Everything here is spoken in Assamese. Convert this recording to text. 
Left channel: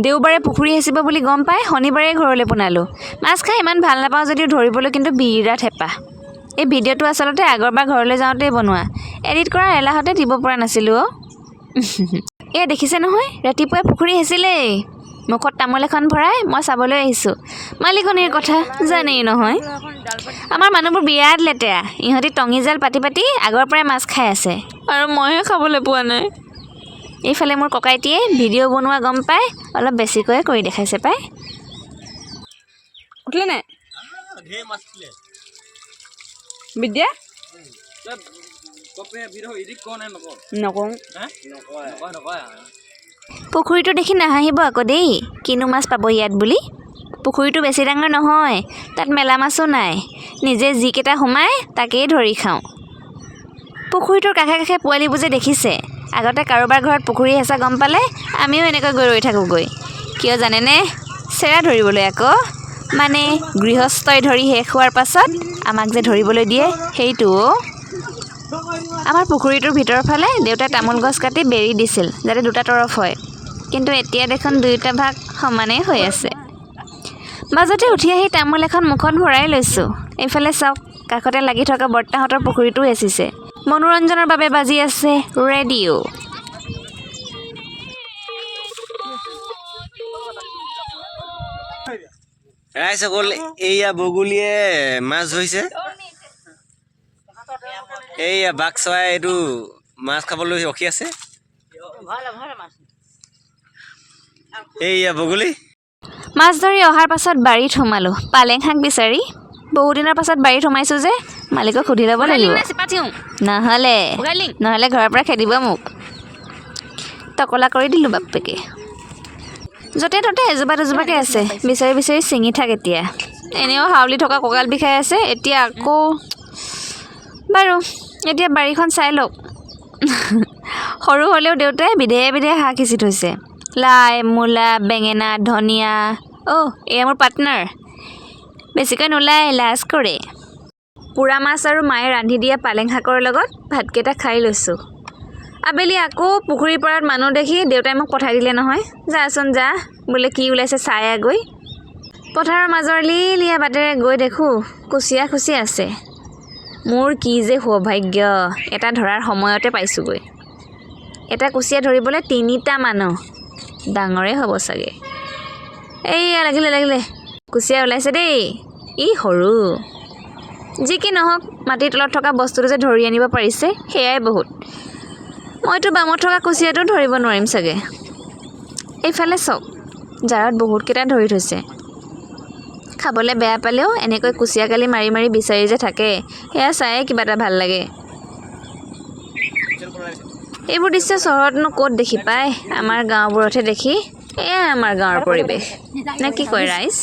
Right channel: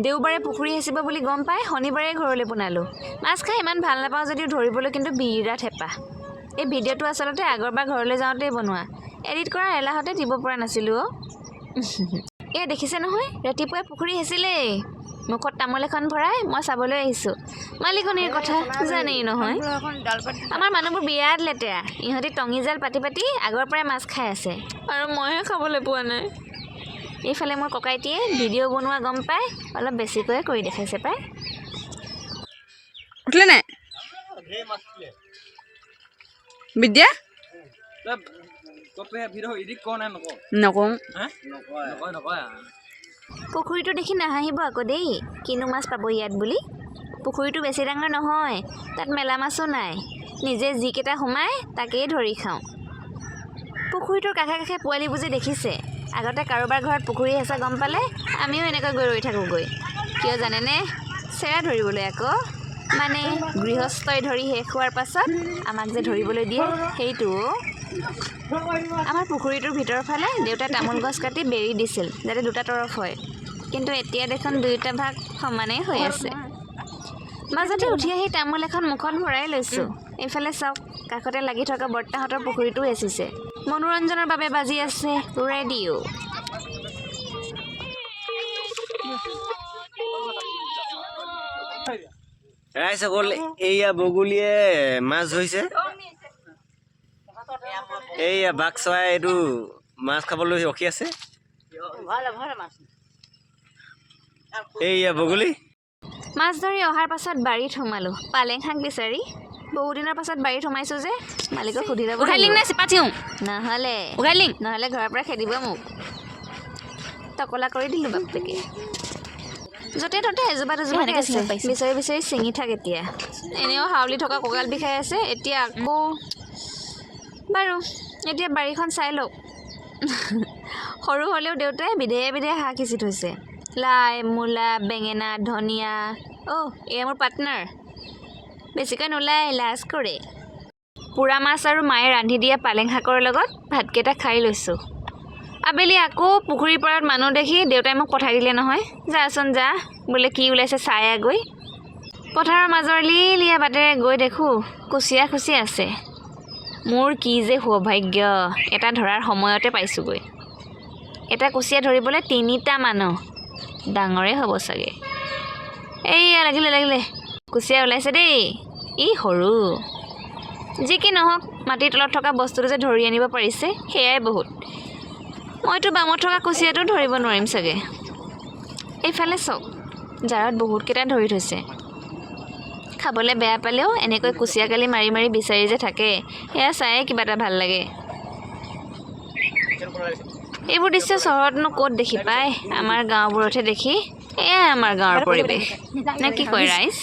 দেওবাৰে পুখুৰী হেঁচিব বুলি গম পাই শনিবাৰে ঘৰলৈ পোনালোঁ। মাছ খাই ইমান ভাল নাপাওঁ যদিও ধৰিবলৈ কিন্তু বিৰাট হেঁপাহ। এই ভিডিঅ'টো আচলতে আগৰবাৰ ঘৰলৈ যাওঁতেই বনোৱা, এডিট কৰাৰ এলাহতে দিব পৰা নাছিলোঁ অ'। এয়া দেখিছে নহয়, ৰাতিপুৱাই পুখুৰী হেঁচিলেই। মুখত তামোল এখন ভৰাই মই চাবলৈ আহিছোঁ। মালিকনীৰ কথা জানেই নহয়। আমাৰ মানুহবোৰ বিৰাট লেতেৰা। ইহঁতি টঙি জাল পাতি পাতি আগৰ পৰাই মাছ খাই আছে আৰু মইহে খাবলৈ পোৱা নাই। এইফালে মোৰ ককাইটিয়ে ভিডিঅ' বনোৱা গম পাই অলপ বেছিকৈয়ে কৰি দেখাইছে পাই। উঠিলে নাই বিদ্যা নকওঁ। পুখুৰীটো দেখি নাহাঁহিব আকৌ দেই, কিনো মাছ পাব ইয়াত বুলি। পুখুৰীটো বেছি ডাঙৰ নহয়, তাত মেলা মাছো নাই। নিজে যিকেইটা সোমাই তাকেই ধৰি খাওঁ। পুখুৰীটোৰ কাষে কাষে পোৱালিবোৰ যে দেখিছে, আগতে কাৰোবাৰ ঘৰত পুখুৰী হেঁচা গম পালে আমিও এনেকৈ গৈ ৰৈ থাকোঁগৈ। কিয় জানেনে? চেৰা ধৰিবলৈ আকৌ। মানে গৃহস্থই ধৰি শেষ হোৱাৰ পাছত আমাক যে ধৰিবলৈ দিয়ে সেইটো। আমাৰ পুখুৰীটোৰ ভিতৰৰ ফালে দেউতাই তামোল গছ কাটি বেৰি দিছিল যাতে দুটা তৰফ হয়, কিন্তু এতিয়া দেখোন দুয়োটা ভাগ সমানেই হৈ আছে। মাজতে উঠি আহি তামোল এখন মুখত ভৰাই লৈছোঁ। এইফালে চাওক, কাষতে লাগি থকা বৰ্তাহঁতৰ পুখুৰীটোও হেঁচিছে। মনোৰঞ্জনৰ বাবে বাজি আছে ৰেডিঅ'। ৰাইজসকল, এইয়া বগলীয়ে মাছ ধৰিছে। এইয়া বাঘ চৰাই এইটো মাছ খাবলৈ ৰখি আছে। এইয়া বগলী মাছ ধৰি অহাৰ পাছত বাৰীত সোমালোঁ পালেং শাক বিচাৰি। বহুদিনৰ পাছত বাৰীত সোমাইছোঁ যে মালিকক সুধি ল'ব লাগিব, নহ'লে ঘৰৰ পৰা খেদিব মোক। টকলা কৰি দিলোঁ বাপেকে। য'তে ত'তে এজোপা দুজোপাকৈ আছে, বিচাৰি বিচাৰি ছিঙি থাক এতিয়া। এনেও হাউলি থকা কঁকাল বিষাই আছে, এতিয়া আকৌ। বাৰু এতিয়া বাৰীখন চাই লওক। সৰু হ'লেও দেউতাই বিধে বিধে শাক সিঁচি থৈছে। লাই, মূলা, বেঙেনা, ধনিয়া। এয়া মোৰ পাৰ্টনাৰ। বেছিকৈ নোলায়, লাজ কৰে। পোৰা মাছ আৰু মায়ে ৰান্ধি দিয়া পালেং শাকৰ লগত ভাতকেইটা খাই লৈছোঁ। আবেলি আকৌ পুখুৰীৰ পাৰত মানুহ দেখি দেউতাই মোক পঠাই দিলে নহয়। যাচোন যা, বোলে কি ওলাইছে চাই আগৈ। পথাৰৰ মাজৰ লিলিয়া বাটেৰে গৈ দেখোঁ কুচিয়া খুচি আছে। মোৰ কি যে সৌভাগ্য, এটা ধৰাৰ সময়তে পাইছোঁগৈ। এটা কুচিয়া ধৰিবলৈ 3টা মানুহ, ডাঙৰেই হ'ব চাগে। এইয়া লাগিলে কুচিয়া ওলাইছে দেই। ই সৰু। যি কি নহওক, মাটিৰ তলত থকা বস্তুটো যে ধৰি আনিব পাৰিছে সেয়াই বহুত। মইতো বামত থকা কুচিয়াটো ধৰিব নোৱাৰিম চাগে। এইফালে চাওক, জাৰত বহুতকেইটা ধৰি থৈছে। খাবলৈ বেয়া পালেও এনেকৈ কুচিয়া কালি মাৰি মাৰি বিচাৰি যে থাকে, সেয়া চায়ে কিবা এটা ভাল লাগে। এইবোৰ দৃশ্য চহৰতনো ক'ত দেখি পায়, আমাৰ গাঁওবোৰতহে দেখি। এয়াই আমাৰ গাঁৱৰ পৰিৱেশ, নে কি কয় ৰাইজ?